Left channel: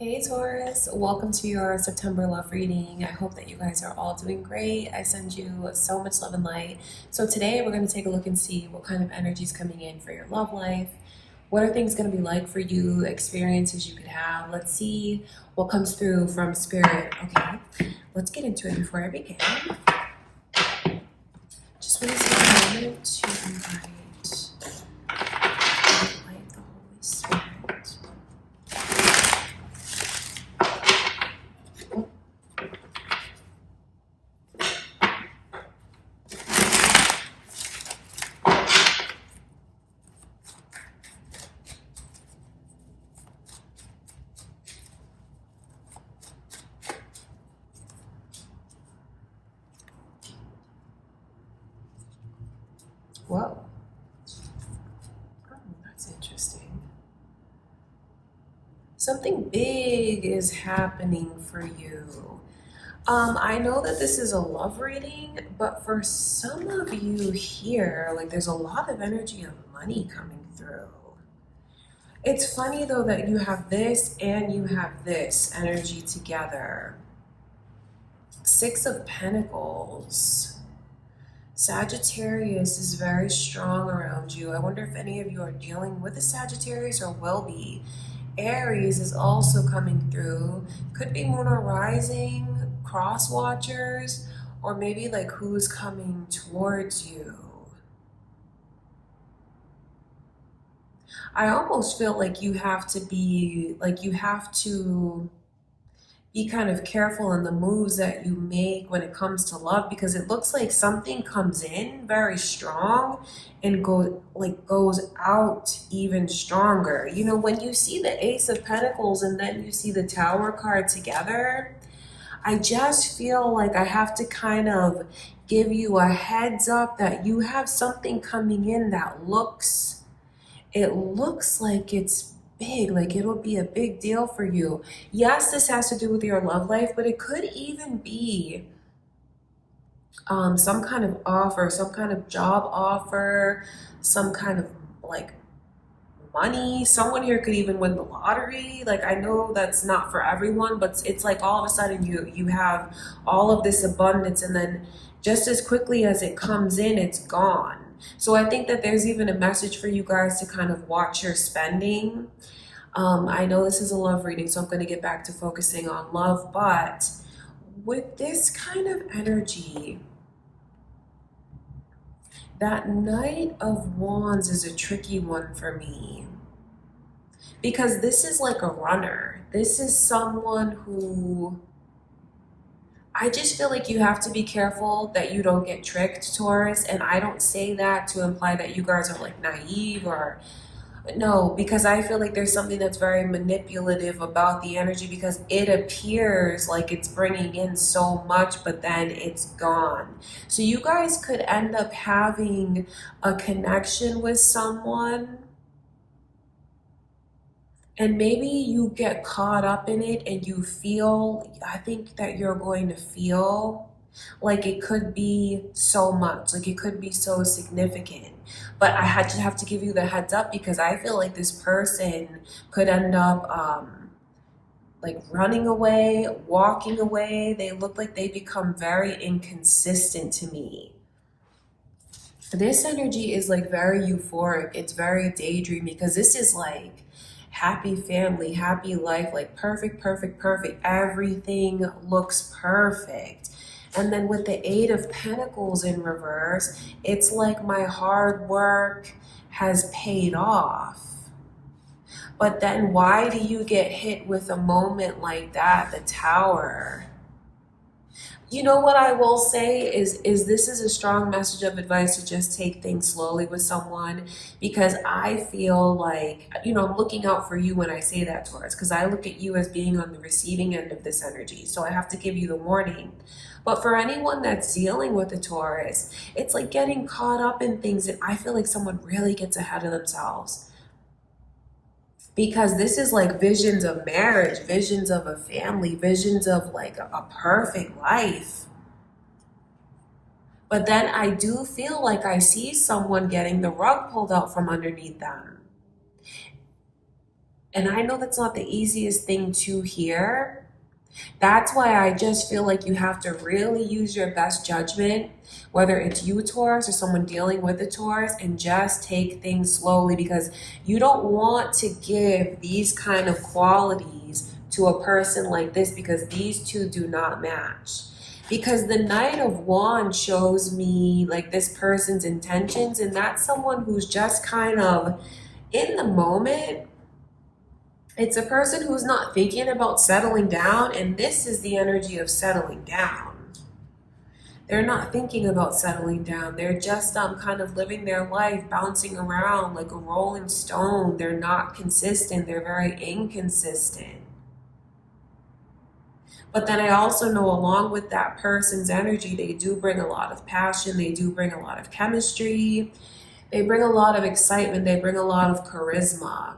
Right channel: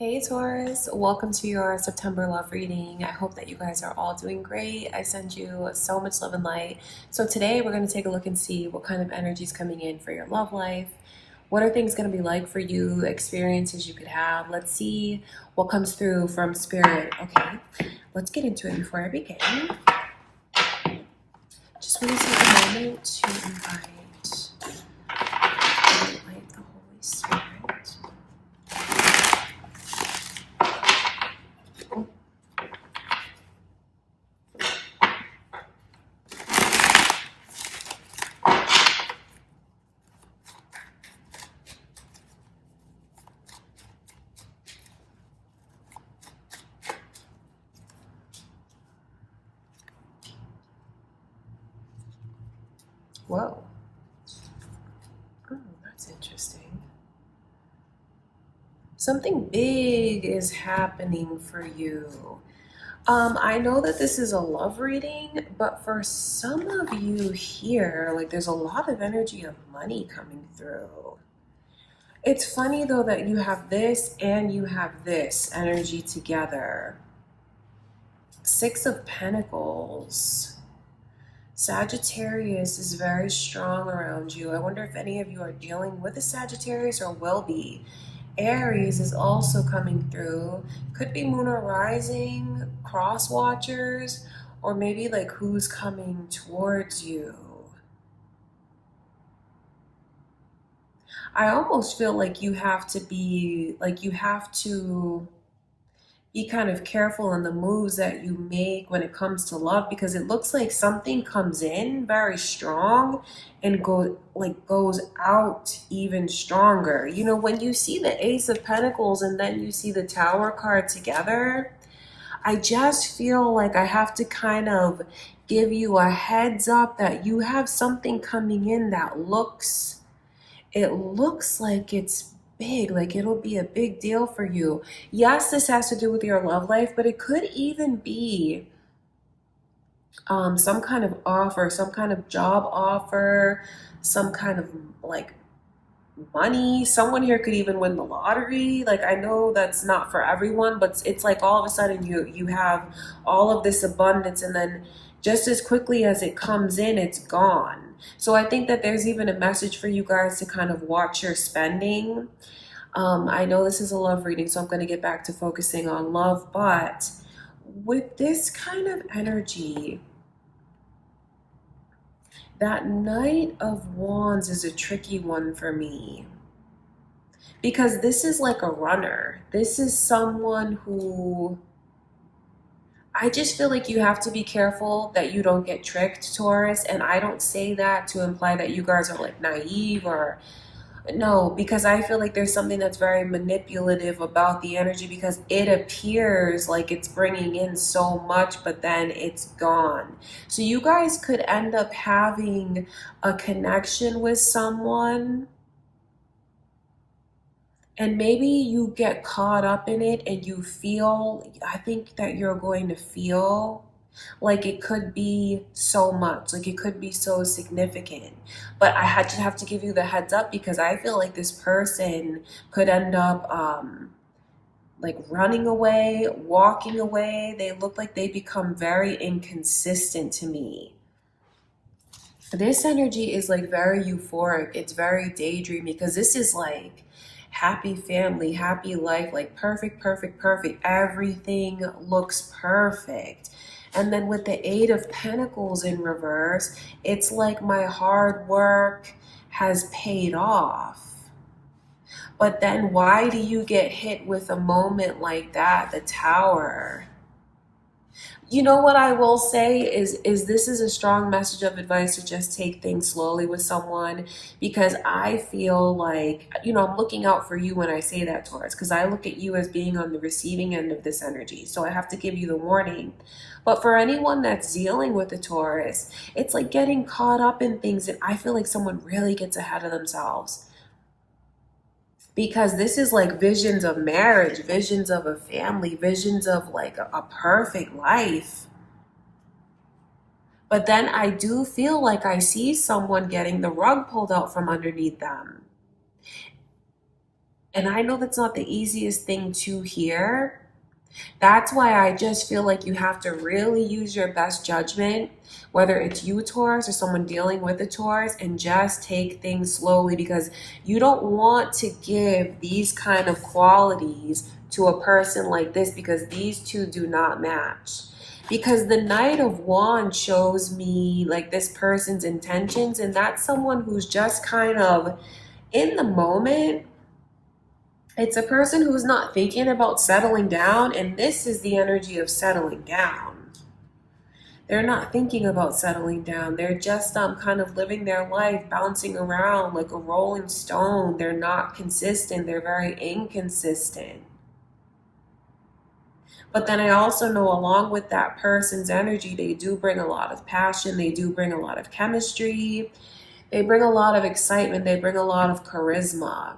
Hey Taurus, welcome to your September love reading. I hope that you guys are all doing great. I send you so much love and light. So today we're going to take a look and see what kind of energy is coming in for your love life. What are things going to be like for you, experiences you could have. Let's see what comes through from Spirit. Okay, let's get into it before I begin. Just want to take a moment to invite the Holy Spirit. Whoa. Oh, that's interesting. Something big is happening for you. I know that this is a love reading, but for some of you here, like there's a lot of energy of money coming through. It's funny though that you have this and you have this energy together. Six of Pentacles. Sagittarius is very strong around you. I wonder if any of you are dealing with a Sagittarius or will be. Aries is also coming through. Could be moon or rising, cross watchers, or maybe like who's coming towards you. I almost feel like you have to be kind of careful in the moves that you make when it comes to love, because it looks like something comes in very strong and goes out even stronger. You know, when you see the Ace of Pentacles and then you see the Tower card together, I just feel like I have to kind of give you a heads up that you have something coming in that looks like it's big, like it'll be a big deal for you. Yes, this has to do with your love life, but it could even be some kind of offer, some kind of job offer, some kind of like money. Someone here could even win the lottery. Like, I know that's not for everyone, but it's like all of a sudden you have all of this abundance, and then just as quickly as it comes in, it's gone. So I think that there's even a message for you guys to kind of watch your spending. I know this is a love reading, so I'm going to get back to focusing on love, but with this kind of energy, that Knight of Wands is a tricky one for me, because this is like a runner. This is someone who, I just feel like you have to be careful that you don't get tricked, Taurus. And I don't say that to imply that you guys are like naive or no, because I feel like there's something that's very manipulative about the energy, because it appears like it's bringing in so much, but then it's gone. So you guys could end up having a connection with someone, and maybe you get caught up in it and you feel, I think that you're going to feel like it could be so much, like it could be so significant. But I had to have to give you the heads up, because I feel like this person could end up like running away, walking away. They look like they become very inconsistent to me. This energy is like very euphoric. It's very daydreamy, because this is like happy family, happy life, like perfect, perfect, perfect. Everything looks perfect. And then with the Eight of Pentacles in reverse, it's like my hard work has paid off. But then why do you get hit with a moment like that, the Tower? You know what I will say is this is a strong message of advice to just take things slowly with someone, because I feel like, you know, I'm looking out for you when I say that, Taurus, because I look at you as being on the receiving end of this energy. So I have to give you the warning. But for anyone that's dealing with a Taurus, it's like getting caught up in things, and I feel like someone really gets ahead of themselves, because this is like visions of marriage, visions of a family, visions of like a perfect life. But then I do feel like I see someone getting the rug pulled out from underneath them. And I know that's not the easiest thing to hear. That's why I just feel like you have to really use your best judgment, whether it's you, Taurus, or someone dealing with a Taurus, and just take things slowly, because you don't want to give these kind of qualities to a person like this, because these two do not match. Because the Knight of Wands shows me like this person's intentions, and that's someone who's just kind of in the moment. It's a person who's not thinking about settling down, and this is the energy of settling down. They're not thinking about settling down. They're just kind of living their life, bouncing around like a rolling stone. They're not consistent. They're very inconsistent. But then I also know, along with that person's energy, they do bring a lot of passion. They do bring a lot of chemistry. They bring a lot of excitement. They bring a lot of charisma.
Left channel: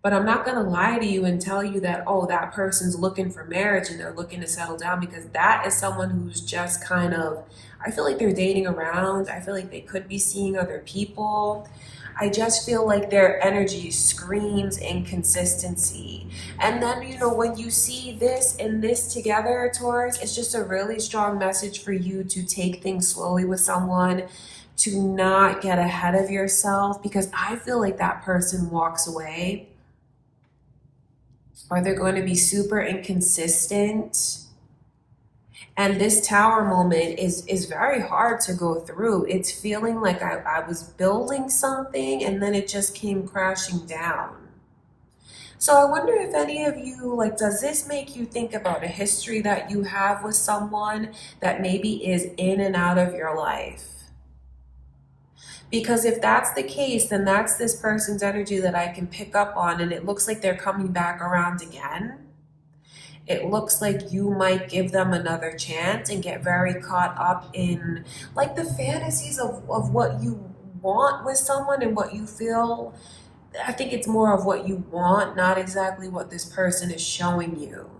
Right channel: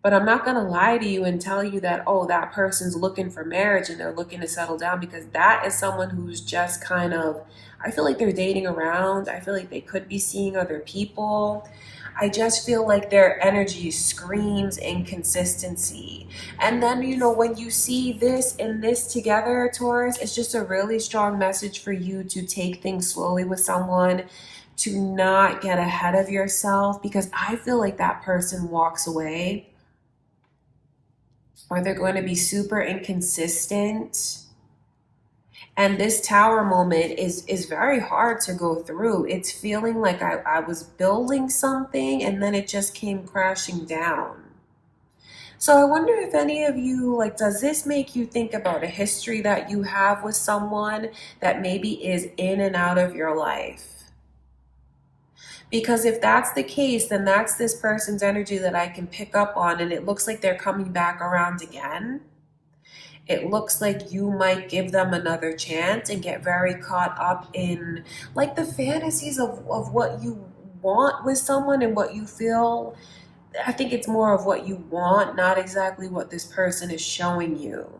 But I'm not going to lie to you and tell you that, oh, that person's looking for marriage and they're looking to settle down, because that is someone who's just kind of, I feel like they're dating around. I feel like they could be seeing other people. I just feel like their energy screams inconsistency. And then, when you see this and this together, Taurus, it's just a really strong message for you to take things slowly with someone, to not get ahead of yourself, because I feel like that person walks away, or they're going to be super inconsistent. And this Tower moment is very hard to go through. It's feeling like I was building something and then it just came crashing down. So I wonder if any of you, like, does this make you think about a history that you have with someone that maybe is in and out of your life? Because if that's the case, then that's this person's energy that I can pick up on, and it looks like they're coming back around again. It looks like you might give them another chance and get very caught up in like the fantasies of what you want with someone and what you feel. I think it's more of what you want, not exactly what this person is showing you.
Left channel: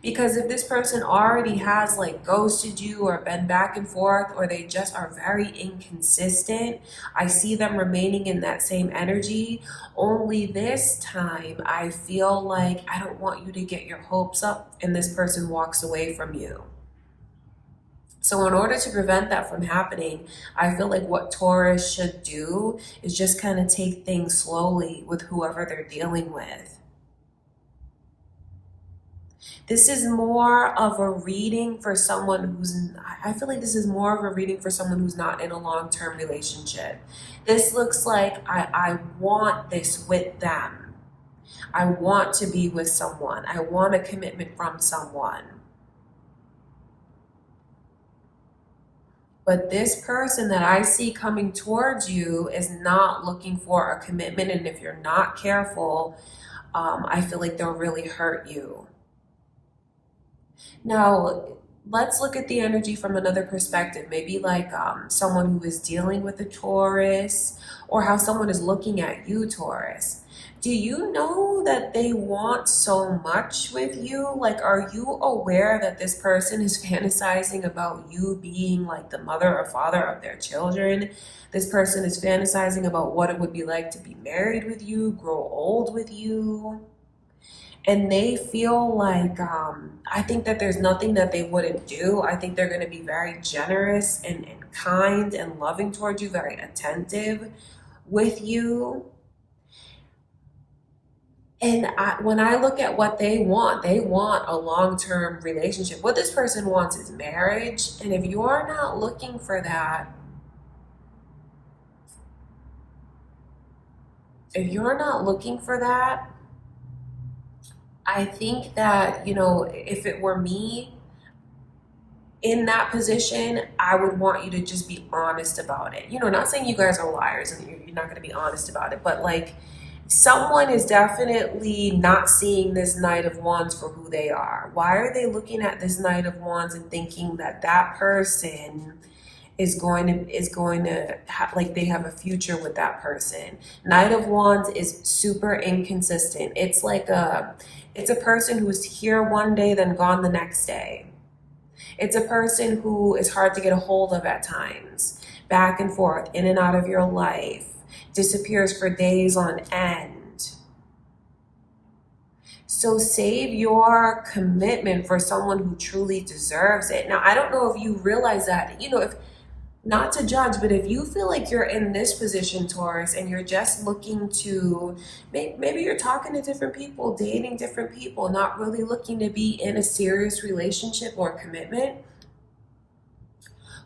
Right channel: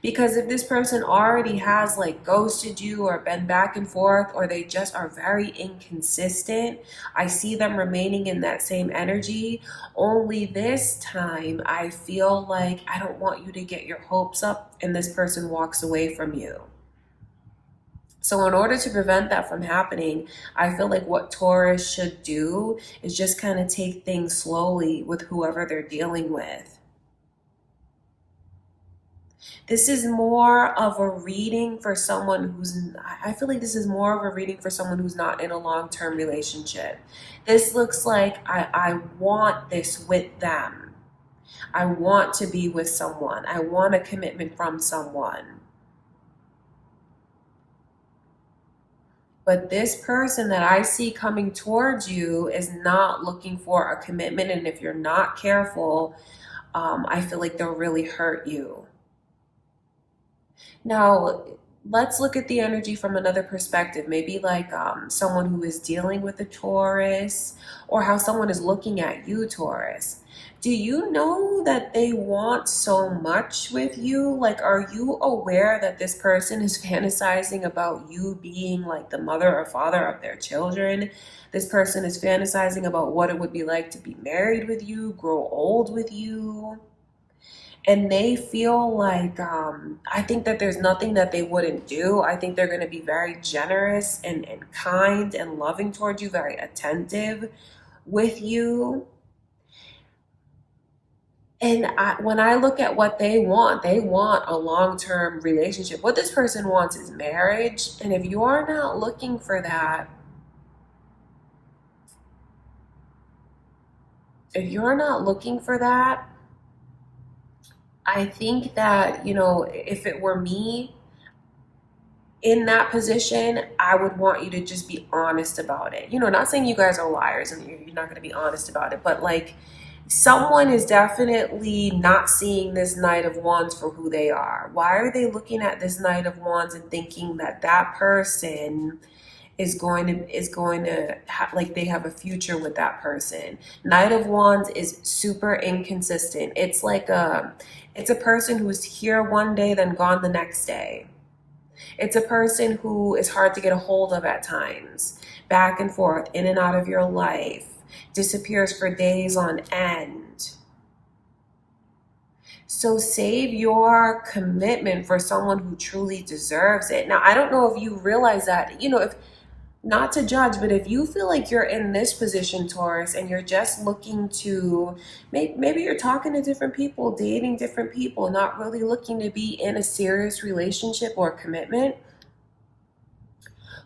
Because if this person already has like ghosted you or been back and forth, or they just are very inconsistent, I see them remaining in that same energy. Only this time, I feel like I don't want you to get your hopes up and this person walks away from you. So in order to prevent that from happening, I feel like what Taurus should do is just kind of take things slowly with whoever they're dealing with. This is more of a reading for someone I feel like this is more of a reading for someone who's not in a long-term relationship. This looks like I want this with them. I want to be with someone. I want a commitment from someone. But this person that I see coming towards you is not looking for a commitment. And if you're not careful, I feel like they'll really hurt you. Now, let's look at the energy from another perspective. Maybe like someone who is dealing with a Taurus, or how someone is looking at you, Taurus. Do you know that they want so much with you? Like, are you aware that this person is fantasizing about you being like the mother or father of their children? This person is fantasizing about what it would be like to be married with you, grow old with you. And they feel like, I think that there's nothing that they wouldn't do. I think they're going to be very generous and kind and loving towards you, very attentive with you. And when I look at what they want a long-term relationship. What this person wants is marriage. And if you're not looking for that, I think that, if it were me in that position, I would want you to just be honest about it. Not saying you guys are liars and you're not going to be honest about it, but like, someone is definitely not seeing this Knight of Wands for who they are. Why are they looking at this Knight of Wands and thinking that that person like they have a future with that person? Knight of Wands is super inconsistent. It's a person who is here one day then gone the next day. It's a person who is hard to get a hold of at times, back and forth, in and out of your life. disappears for days on end. So save your commitment for someone who truly deserves it. Now, I don't know if you realize that, if not to judge, but if you feel like you're in this position, Taurus, and you're just looking to, maybe you're talking to different people, dating different people, not really looking to be in a serious relationship or commitment,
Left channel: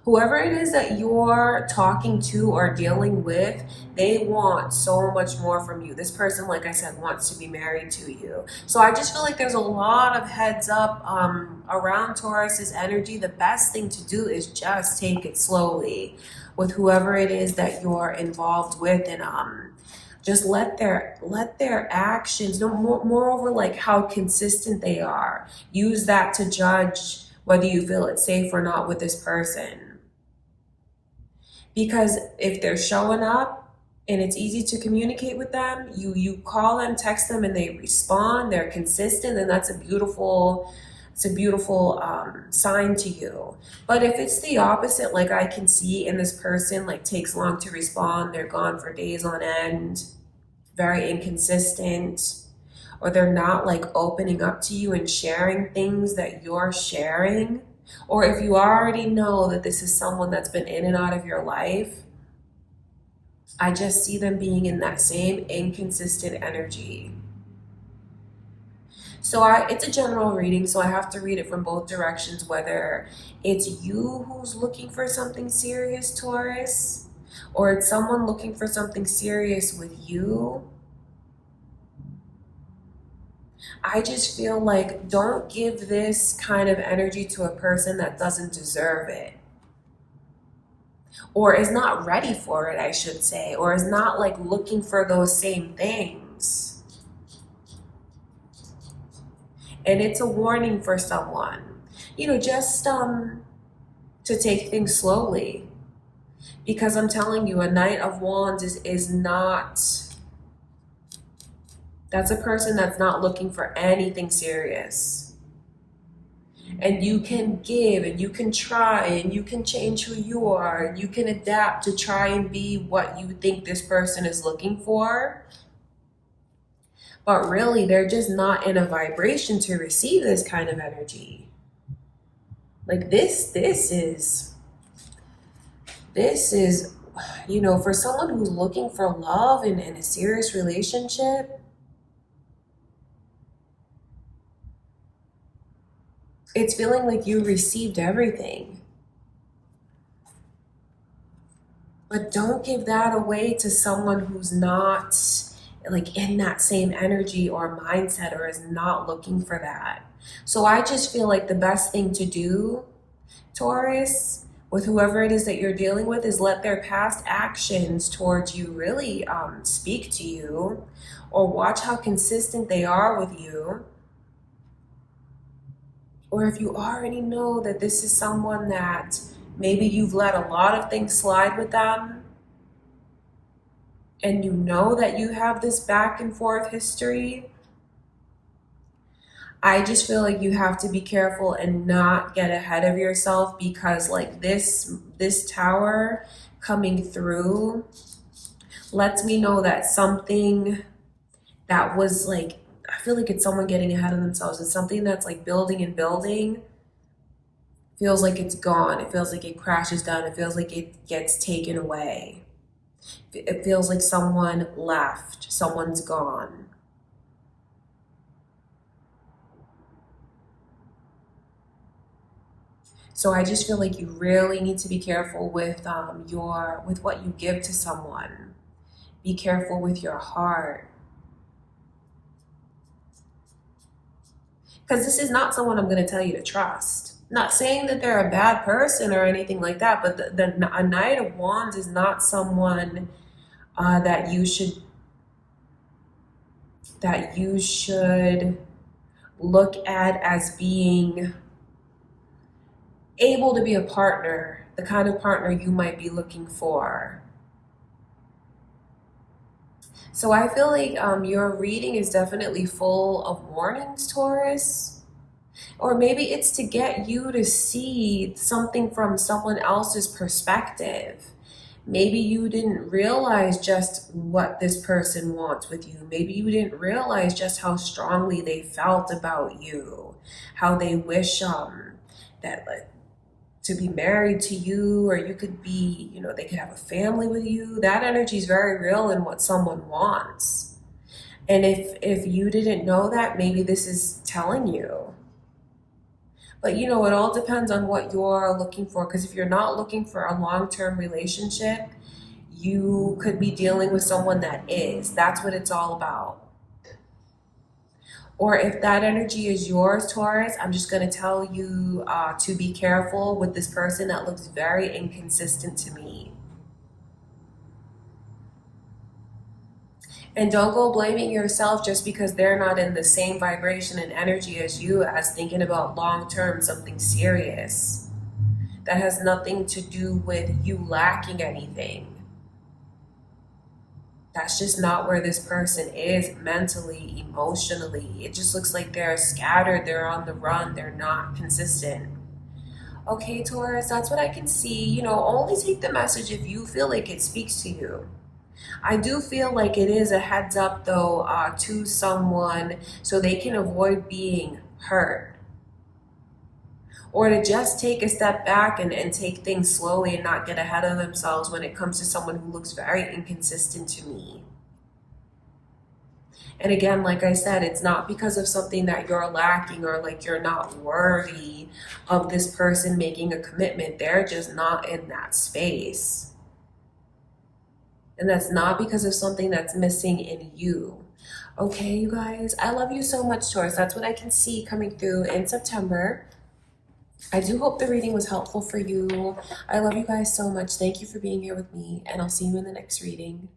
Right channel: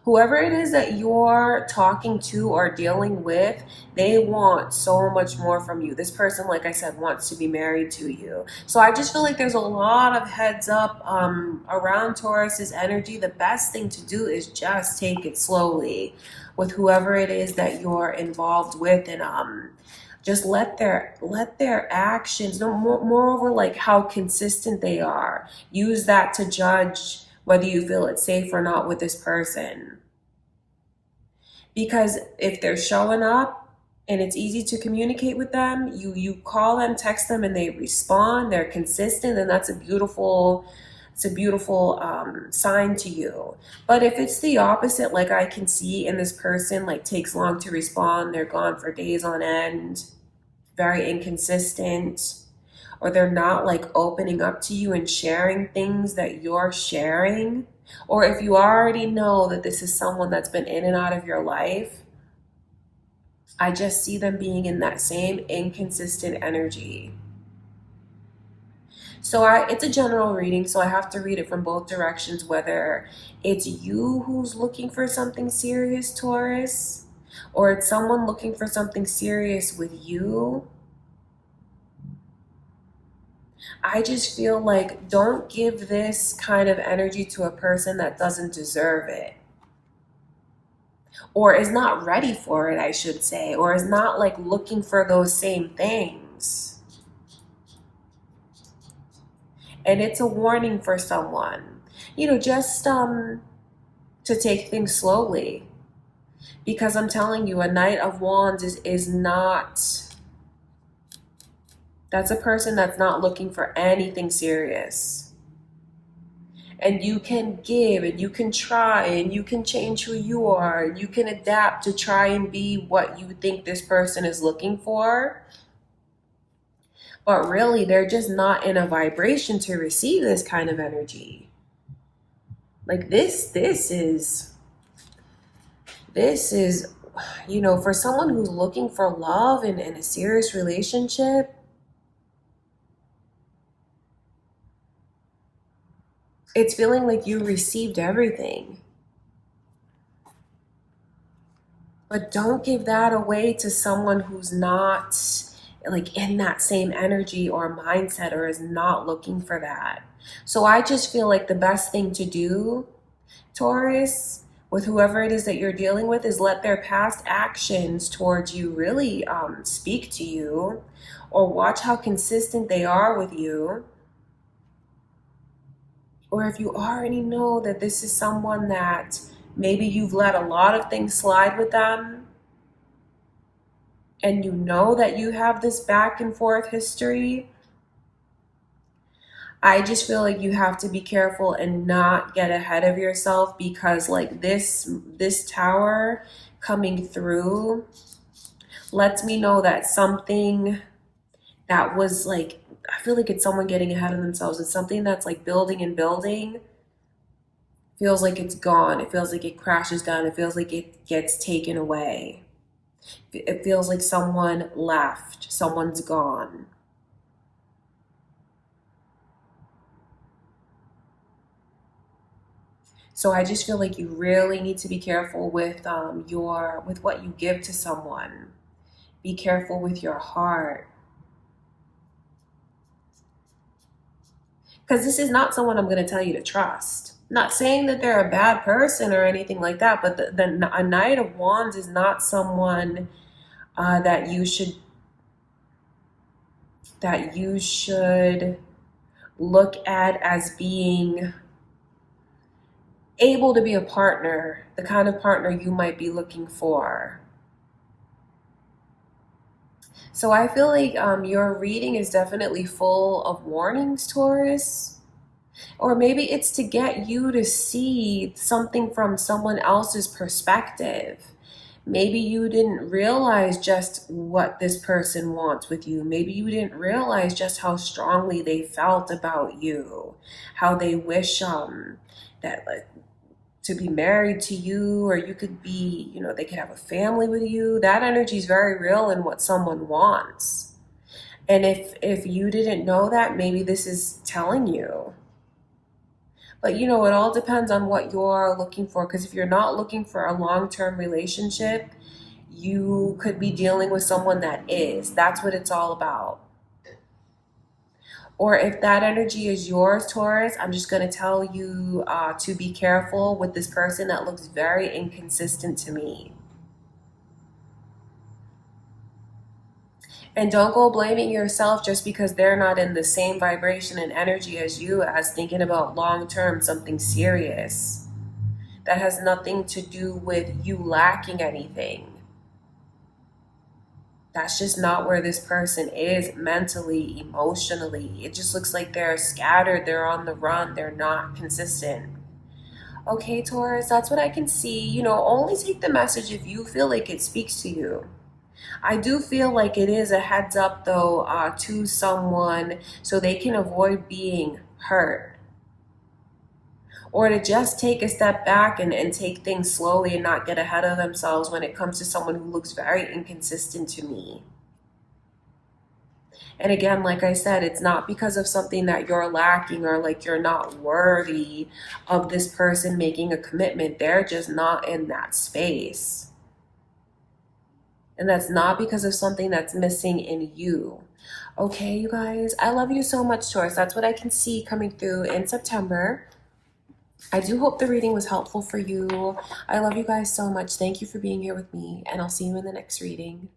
whoever it is that you're talking to or dealing with, they want so much more from you. This person, like I said, wants to be married to you. So I just feel like there's a lot of heads up around Taurus's energy. The best thing to do is just take it slowly with whoever it is that you're involved with, and just let their actions, moreover, like how consistent they are, use that to judge whether you feel it's safe or not with this person. Because if they're showing up and it's easy to communicate with them, you call them, text them, and they respond, they're consistent, and that's a beautiful sign to you. But if it's the opposite, like I can see in this person, like takes long to respond, they're gone for days on end, very inconsistent, or they're not like opening up to you and sharing things that you're sharing, or if you already know that this is someone that's been in and out of your life, I just see them being in that same inconsistent energy. So it's a general reading, so I have to read it from both directions, whether it's you who's looking for something serious, Taurus, or it's someone looking for something serious with you. I just feel like don't give this kind of energy to a person that doesn't deserve it, or is not ready for it, I should say, or is not like looking for those same things. And it's a warning for someone, just to take things slowly, because I'm telling you, a Knight of Wands is not, that's a person that's not looking for anything serious. And you can give, and you can try, and you can change who you are, and you can adapt to try and be what you think this person is looking for. But really, they're just not in a vibration to receive this kind of energy. Like this is, for someone who's looking for love and in a serious relationship, it's feeling like you received everything. But don't give that away to someone who's not like in that same energy or mindset, or is not looking for that. So I just feel like the best thing to do, Taurus, with whoever it is that you're dealing with, is let their past actions towards you really speak to you, or watch how consistent they are with you. Or if you already know that this is someone that maybe you've let a lot of things slide with them, and you know that you have this back and forth history, I just feel like you have to be careful and not get ahead of yourself, because like this Tower coming through lets me know that something that was like, I feel like it's someone getting ahead of themselves. It's something that's like building and building. Feels like it's gone. It feels like it crashes down. It feels like it gets taken away. It feels like someone left. Someone's gone. So I just feel like you really need to be careful with with what you give to someone. Be careful with your heart. Because this is not someone I'm going to tell you to trust. Not saying that they're a bad person or anything like that, but a Knight of Wands is not someone that you should look at as being able to be a partner, the kind of partner you might be looking for. So I feel like your reading is definitely full of warnings, Taurus. Or maybe it's to get you to see something from someone else's perspective. Maybe you didn't realize just what this person wants with you. Maybe you didn't realize just how strongly they felt about you, how they wish that to be married to you, or you could be, they could have a family with you. That energy is very real in what someone wants. And if you didn't know that, maybe this is telling you. But it all depends on what you're looking for. Because if you're not looking for a long-term relationship, you could be dealing with someone that is. That's what it's all about. Or if that energy is yours, Taurus, I'm just going to tell you to be careful with this person that looks very inconsistent to me. And don't go blaming yourself just because they're not in the same vibration and energy as you, as thinking about long term something serious. That has nothing to do with you lacking anything. That's just not where this person is mentally, emotionally. It just looks like they're scattered, they're on the run, they're not consistent. Okay, Taurus, that's what I can see. Only take the message if you feel like it speaks to you. I do feel like it is a heads up, though, to someone so they can avoid being hurt. Or to just take a step back and take things slowly and not get ahead of themselves when it comes to someone who looks very inconsistent to me. And again, like I said, it's not because of something that you're lacking or like you're not worthy of this person making a commitment. They're just not in that space. And that's not because of something that's missing in you. Okay, you guys, I love you so much, Taurus. That's what I can see coming through in September. I do hope the reading was helpful for you. I love you guys so much. Thank you for being here with me, and I'll see you in the next reading.